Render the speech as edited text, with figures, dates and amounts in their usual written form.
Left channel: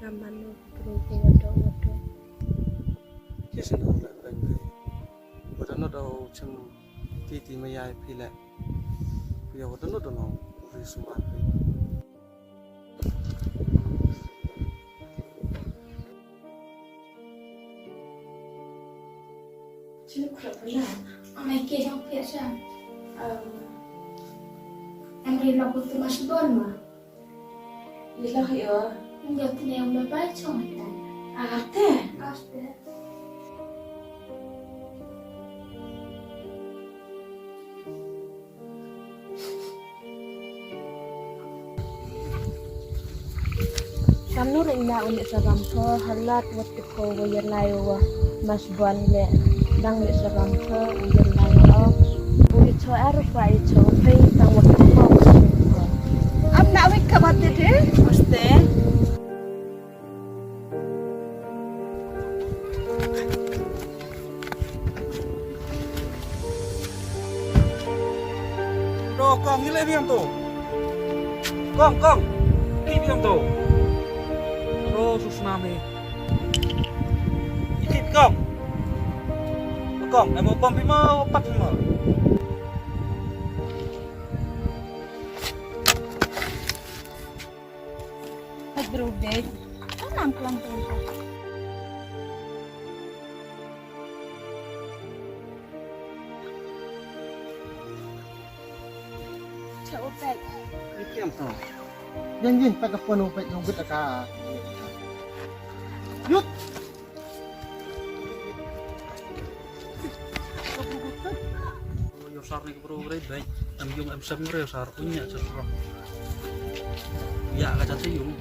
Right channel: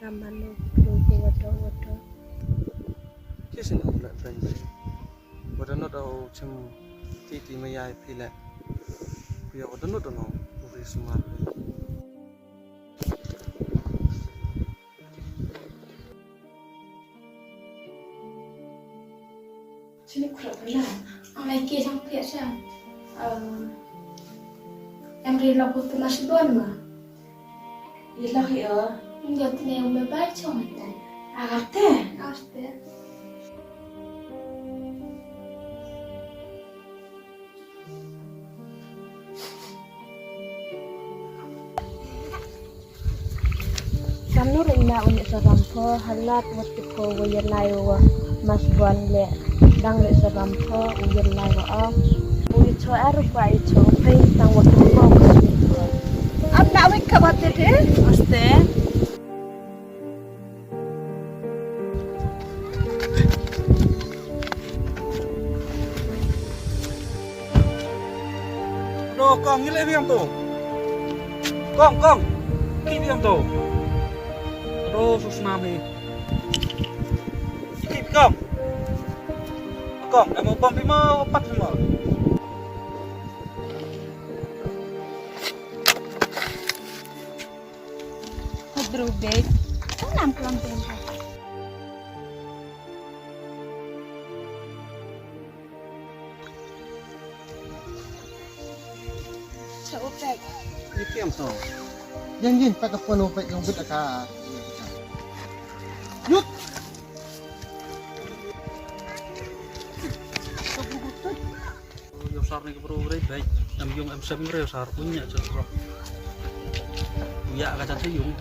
Ramano Progo Wado. Kisi no la friend. Wada no do chim titi mayai pile. Kuya wada no do no uri sumar. Sini kurang benar. Amai ke sampai saya. Em đi lọc của tôi mà sẽ bớt mà. Đi lọc hiểu. Enggak tuh yang bapak cuma kan. Agate. Aste. Samnur ina unik serampo halat watiko wayalai wa mas buan le dang le serampo wayalai wa unik cho aru kwa icho pay tang waktu mau usmi. Ab nak wik kabat deh? Aste. Đồ con như lấy viêm tổ. Con Ki viêm tổ. Đồ susnam đi. Ki con em mau bom mau pat mau. Hadrubek. Tanam kelantan. Seopek. Ki viêm tổ. Yin pada pun upet yang gut aka. Yuk. Yo sar nih bro great baik. Em yung em sem ngre sar punya cerah. Ya ka cantik yung.